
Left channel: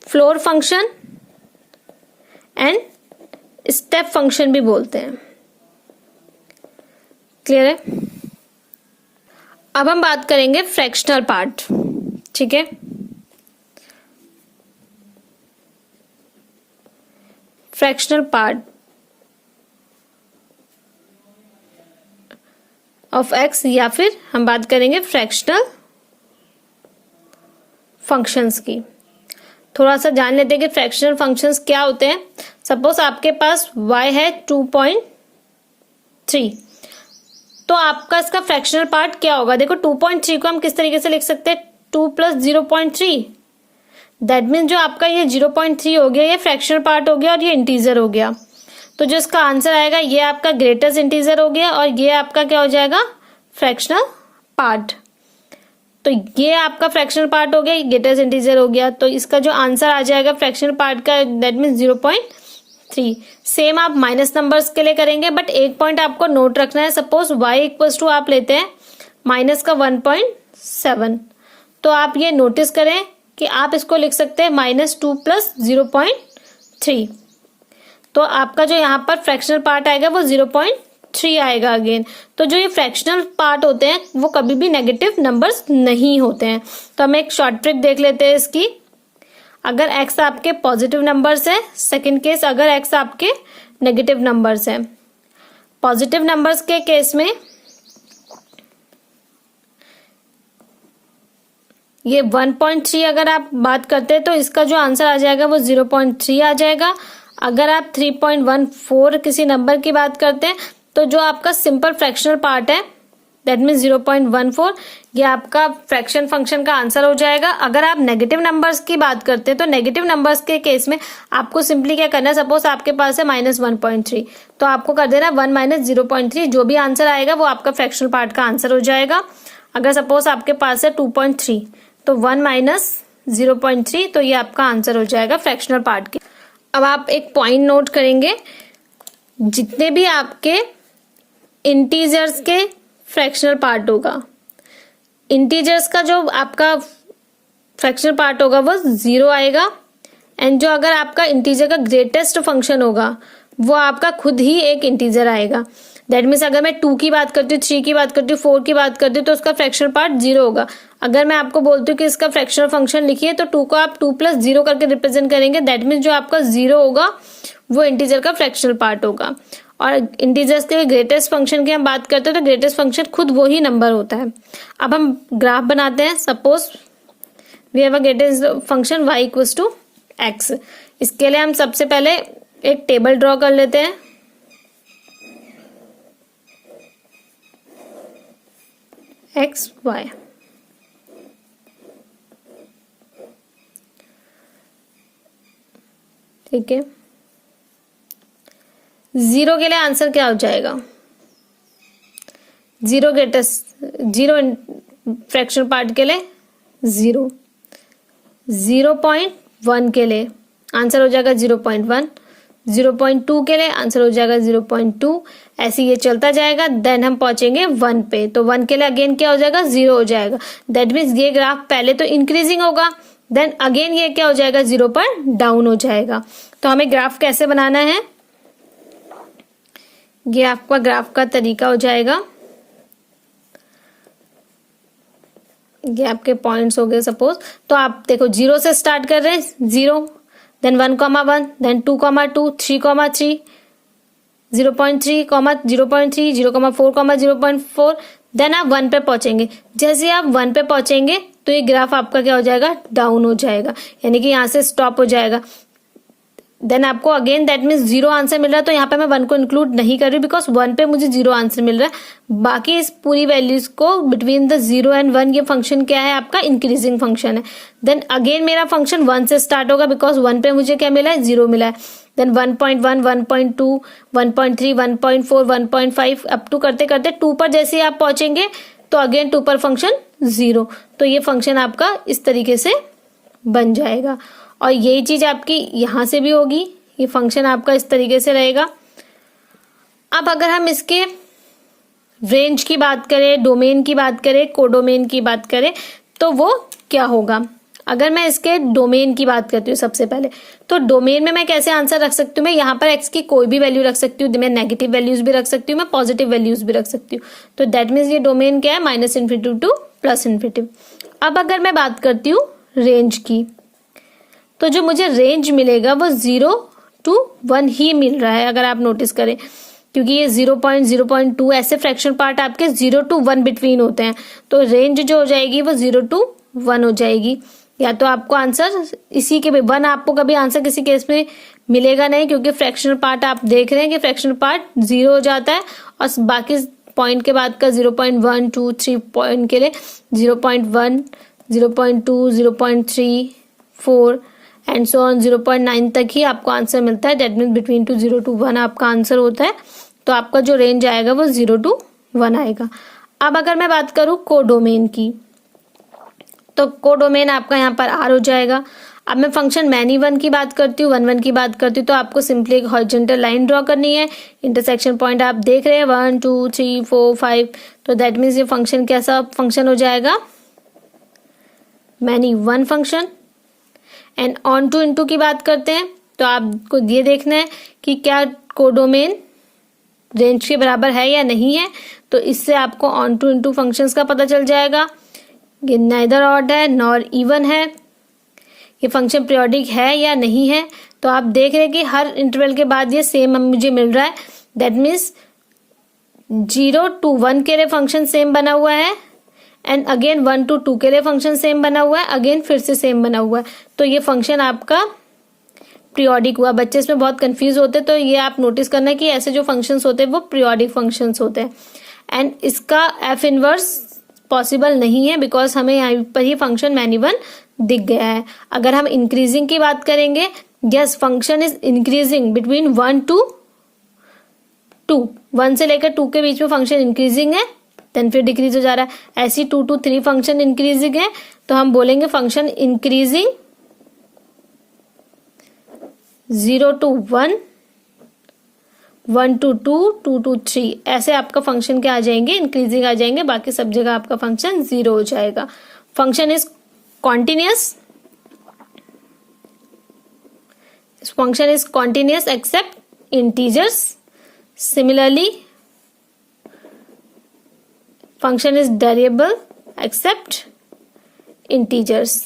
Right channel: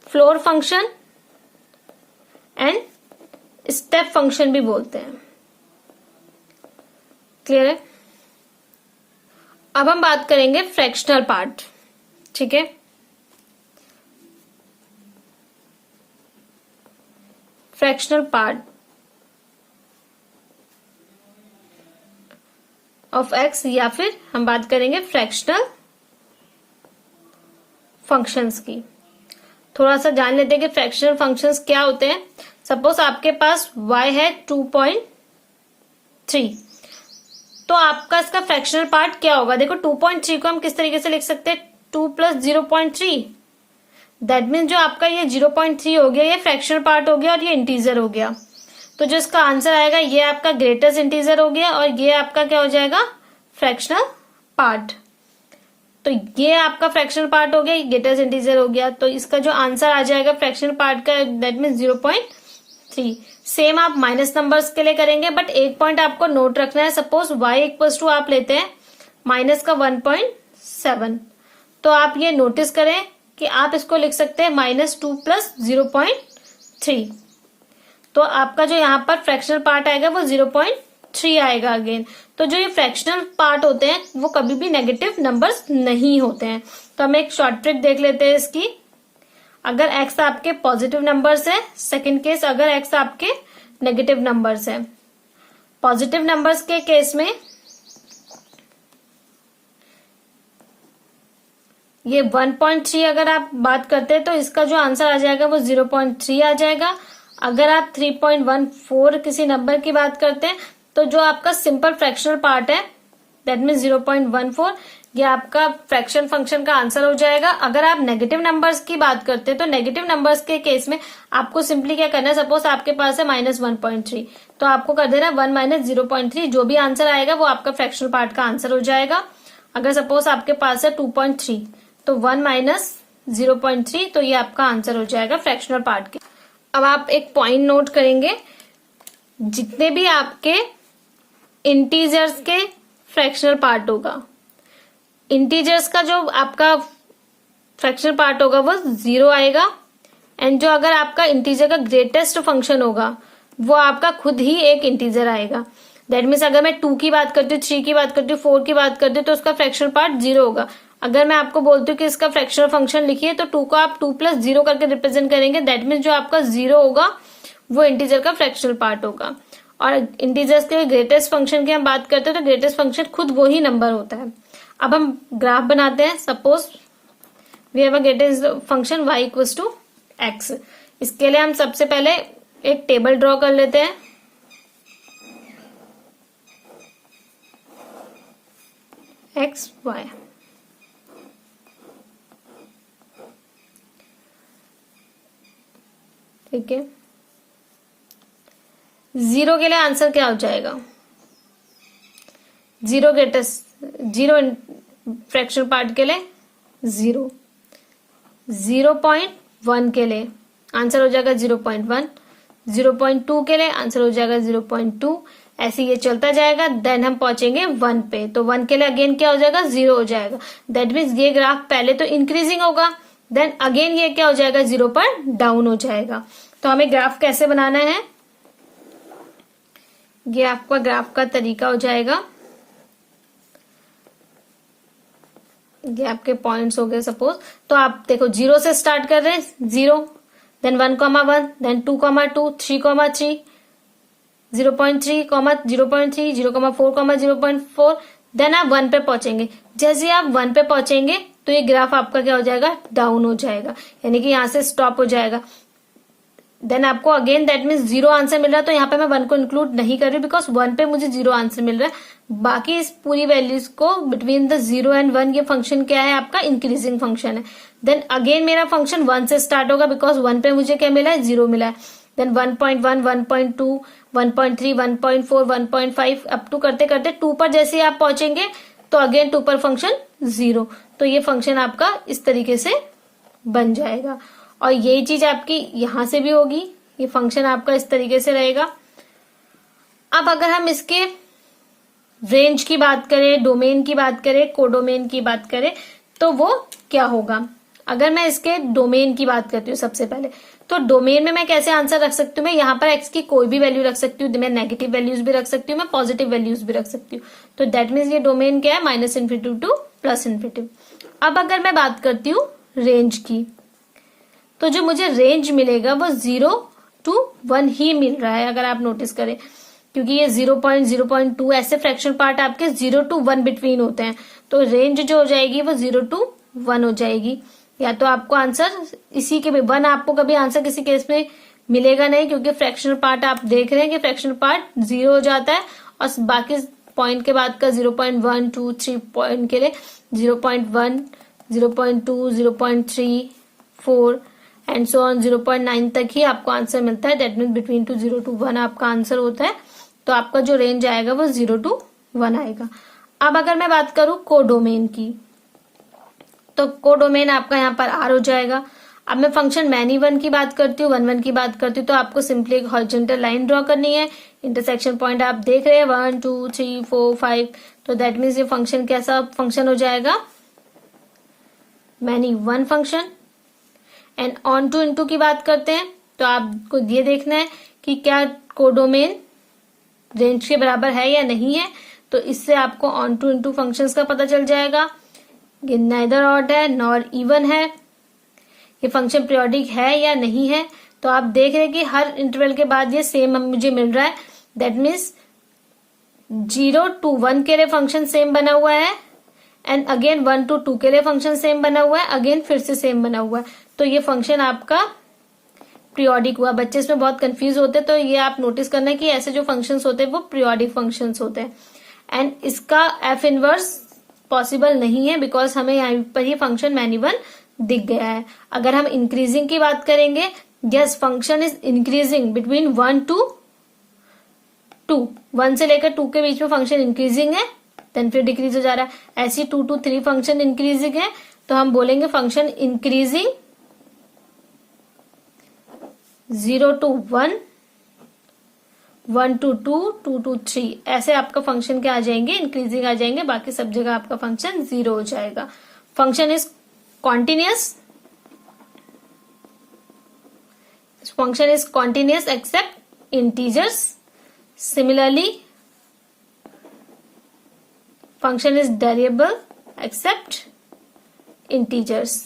floor function and step function भी बोलते हैं। क्लियर है। अब हम बात करेंगे फ्रैक्शनल पार्ट। ठीक है, फ्रैक्शनल पार्ट ऑफ एक्स, या फिर हम बात करेंगे फ्रैक्शनल फंक्शंस की। थोड़ा सा जान लेते हैं कि फ्रैक्शनल फंक्शंस क्या होते हैं। सपोज आपके पास y है 2.3, तो आपका इसका फ्रैक्शनल पार्ट क्या होगा। देखो 2.3 को हम किस तरीके से लिख सकते हैं, 2 + 0.3। दैट मीन्स जो आपका ये 0.3 हो गया ये फ्रैक्शनल पार्ट हो गया और ये इंटीजर हो गया। तो जो इसका आंसर आएगा ये आपका ग्रेटेस्ट इंटीजर हो गया और ये आपका क्या हो जाएगा, फ्रैक्शनल पार्ट। तो ये आपका फ्रैक्शनल पार्ट हो गया, ये ग्रेटेस्ट इंटीजर हो गया। तो इसका जो आंसर आ जाएगा फ्रैक्शनल पार्ट का दैट मीन्स 0.3। सेम आप माइनस नंबर्स के लिए करेंगे, बट एक पॉइंट आपको नोट रखना है। सपोज y = आप लेते हैं -1.7, तो आप ये नोटिस करें कि आप इसको लिख सकते हैं -2 + 0.3। तो आपका जो यहाँ पर फ्रैक्शनल पार्ट आएगा वो 0.3 आएगा अगेन। तो जो ये फ्रैक्शनल पार्ट होते हैं वो कभी भी नेगेटिव नंबर्स नहीं होते हैं। तो हम एक शॉर्ट ट्रिक देख लेते हैं इसकी। अगर x आपके पॉजिटिव नंबर्स है, सेकेंड केस अगर x आपके नेगेटिव नंबर्स है। पॉजिटिव नंबर्स के केस में ये 1.3 अगर आप बात करते हैं तो इसका जो आंसर आ जाएगा वो 0.3 आ जाएगा। अगर आप 3.14 किसी नंबर की बात करते हैं तो जो आपका सिंपल फ्रैक्शनल पार्ट है दैट मीन 0.14, ये आपका फ्रैक्शन फंक्शन का आंसर हो जाएगा। अगर आप नेगेटिव नंबर्स की बात करते हैं तो नेगेटिव नंबर्स के केस में आपको सिंपली क्या करना है, सपोज आपके पास है -1.3 तो आपको कर देना 1 - 0.3, जो भी आंसर आएगा वो आपका फ्रैक्शनल पार्ट का आंसर हो जाएगा। अगर सपोज आपके पास है 2.3 तो 1 - 0.3 तो ये आपका आंसर हो जाएगा फ्रैक्शनल पार्ट के। अब आप एक पॉइंट नोट करेंगे, जितने भी आपके इंटीजर्स के फ्रैक्शनल पार्ट होगा, इंटीजर्स का जो आपका फ्रैक्शनल पार्ट होगा वो 0 आएगा। एंड जो अगर आपका इंटीजर का ग्रेटेस्ट फंक्शन होगा वो आपका खुद ही एक इंटीजर आएगा। दैट मीन्स अगर मैं 2 की बात करती हूँ, 3 की बात करती हूँ, 4 की बात करती हूँ तो उसका फ्रैक्शनल पार्ट 0 होगा। अगर मैं आपको बोलती हूँ कि इसका फ्रैक्शनल फंक्शन लिखिए तो 2 को आप 2 + 0 करके रिप्रेजेंट करेंगे। दैट मीन्स जो आपका 0 होगा वो इंटीजर का फ्रैक्शनल पार्ट होगा। और इंटीजर्स के ग्रेटेस्ट फंक्शन की हम बात करते हैं तो ग्रेटेस्ट फंक्शन खुद वो ही नंबर होता है। अब हम ग्राफ बनाते हैं। Suppose we have a greatest function y = x। इसके लिए हम सबसे पहले एक टेबल ड्रॉ कर लेते हैं। x y, ठीक है। 0 के लिए आंसर क्या हो जाएगा? 0 फ्रैक्शनल पार्ट के लिए 0। 0.1 के लिए आंसर हो जाएगा 0.1। 0.2 के लिए आंसर हो जाएगा 0.2। ऐसे ये चलता जाएगा। देन हम पहुंचेंगे 1 पे, तो 1 के लिए अगेन क्या हो जाएगा? 0 हो जाएगा। दैट मीन्स ये ग्राफ पहले तो इंक्रीजिंग होगा, देन अगेन ये क्या हो जाएगा? 0 पर डाउन हो जाएगा। तो हमें ग्राफ कैसे बनाना है, ये आपका ग्राफ का तरीका हो जाएगा। ये आपके पॉइंट्स हो गए सपोज। तो आप देखो 0 से स्टार्ट कर रहे हैं, 0, देन 1,1, देन 2,2, 3,3, 0.3, 0.3, 0,4, 0.4, देन आप 1 पे पहुंचेंगे। जैसे आप 1 पे पहुंचेंगे तो ये ग्राफ आपका क्या हो जाएगा? डाउन हो जाएगा, यानी कि यहां से स्टॉप हो जाएगा। देन आपको अगेन दैट मीन्स 0 आंसर मिल रहा है, तो यहाँ पे मैं 1 को इंक्लूड नहीं कर रही बिकॉज 1 पे मुझे 0 आंसर मिल रहा है। बाकी इस पूरी वैल्यूज को बिटवीन द 0 एंड 1 ये फंक्शन क्या है? आपका इंक्रीजिंग फंक्शन है। देन अगेन मेरा फंक्शन 1 से स्टार्ट होगा बिकॉज 1 पे मुझे क्या मिला है? 0 मिला है। देन 1.1, 1.2, 1.3, 1.4, 1.5 अप टू करते करते 2 पर जैसे आप पहुंचेंगे तो अगेन 2 पर फंक्शन 0। तो ये फंक्शन आपका इस तरीके से बन जाएगा। और यही चीज आपकी यहां से भी होगी, ये फंक्शन आपका इस तरीके से रहेगा। अब अगर हम इसके रेंज की बात करें, डोमेन की बात करें, कोडोमेन की बात करें तो वो क्या होगा? अगर मैं इसके डोमेन की बात करती हूँ सबसे पहले, तो डोमेन में मैं कैसे आंसर रख सकती हूँ? मैं यहाँ पर x की कोई भी वैल्यू रख सकती हूँ, मैं नेगेटिव वैल्यूज भी रख सकती हूँ, मैं पॉजिटिव वैल्यूज भी रख सकती हूँ। तो दैट मीन्स ये डोमेन क्या है? -∞ टू +∞। अब अगर मैं बात करती हूँ रेंज की, तो जो मुझे रेंज मिलेगा वो 0 to 1 ही मिल रहा है। अगर आप नोटिस करें, क्योंकि ये 0.2 ऐसे फ्रैक्शन पार्ट आपके 0 to 1 बिटवीन होते हैं, तो रेंज जो हो जाएगी वो 0 to 1 हो जाएगी। या तो आपको आंसर इसी के 1 आपको कभी आंसर किसी केस में मिलेगा नहीं, क्योंकि फ्रैक्शनल पार्ट आप देख रहे हैं कि फ्रैक्शनल पार्ट 0 हो जाता है और बाकी पॉइंट के बाद का 0.1, 2, 3 पॉइंट के लिए 0.1, 0.2, 0.3, 4 एंड सो ऑन 0.9 तक ही आपको आंसर मिलता है। दैट मीन्स बिटवीन 0 to 1 आपका आंसर होता है। तो आपका जो रेंज आएगा वो 0 to 1 आएगा। अब अगर मैं बात करूं कोडोमेन की, तो कोडोमेन आपका यहाँ पर R हो जाएगा। अब मैं फंक्शन मैनी 1 की बात करती हूँ, 1 1 की बात करती हूँ, तो आपको सिंपली एक हॉरिजॉन्टल लाइन ड्रॉ करनी है। इंटरसेक्शन पॉइंट आप देख रहे हैं 1 2 3 4 5, तो दैट मीन्स ये फंक्शन कैसा फंक्शन हो जाएगा? Many 1 function. And onto into की बात करते हैं तो आपको ये देखना है कि क्या कोडोमेन रेंज के बराबर है या नहीं है। तो इससे आपको ऑन टू इनटू फंक्शंस का पता चल जाएगा। ये नाइदर ऑड है नॉर इवन है, ये फंक्शन पीरियोडिक है या नहीं है। तो आप देख रहे हैं कि हर इंटरवल के बाद ये सेम मुझे मिल रहा है। दैट मीन्स 0 to 1 के लिए फंक्शन सेम बना हुआ है एंड अगेन 1 to 2 के लिए फंक्शन सेम बना हुआ है, अगेन फिर से सेम बना हुआ है। तो ये फंक्शन आपका पीरियोडिक हुआ। बच्चे इसमें बहुत कंफ्यूज होते हैं, तो ये आप नोटिस करना है कि ऐसे जो फंक्शंस होते हैं वो पीरियोडिक फंक्शंस होते हैं। एंड इसका एफ इनवर्स पॉसिबल नहीं है बिकॉज हमें यहाँ पर ही फंक्शन मैनी वन दिख गया है। अगर हम इंक्रीजिंग की बात करेंगे, yes function is increasing between 1 to 2, 1 से लेकर 2 के बीच में फंक्शन इंक्रीजिंग है, देन फिर डिक्रीज हो जा रहा है। ऐसी 2 to 3 फंक्शन इंक्रीजिंग है, तो हम बोलेंगे function increasing 0 to 1, 1 to 2, 2 to 3, ऐसे आपका फंक्शन क्या आ जाएंगे, इंक्रीजिंग आ जाएंगे। बाकी सब जगह आपका फंक्शन 0 हो जाएगा। Function is continuous, function is continuous except integers. Similarly, function is variable except integers.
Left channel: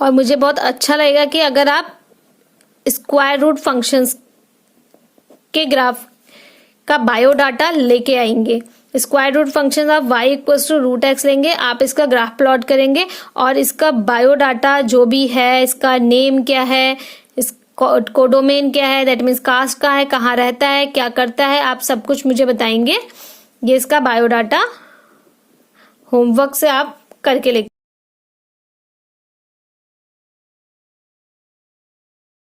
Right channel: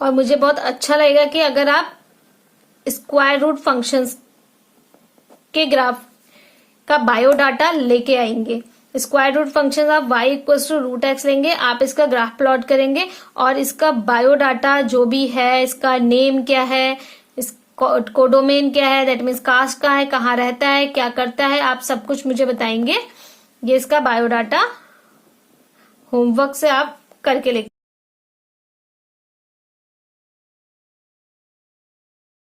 और मुझे बहुत अच्छा लगेगा कि अगर आप स्क्वायर रूट फंक्शंस के ग्राफ का बायोडाटा लेके आएंगे। स्क्वायर रूट फंक्शन आप y equals to root X लेंगे, आप इसका ग्राफ प्लॉट करेंगे और इसका बायोडाटा जो भी है, इसका नेम क्या है, इस कोडोमेन क्या है, दैट मीन्स कास्ट का है, कहाँ रहता है, क्या करता है, आप सब कुछ मुझे बताएंगे। ये इसका बायोडाटा होमवर्क से आप करके लेंगे।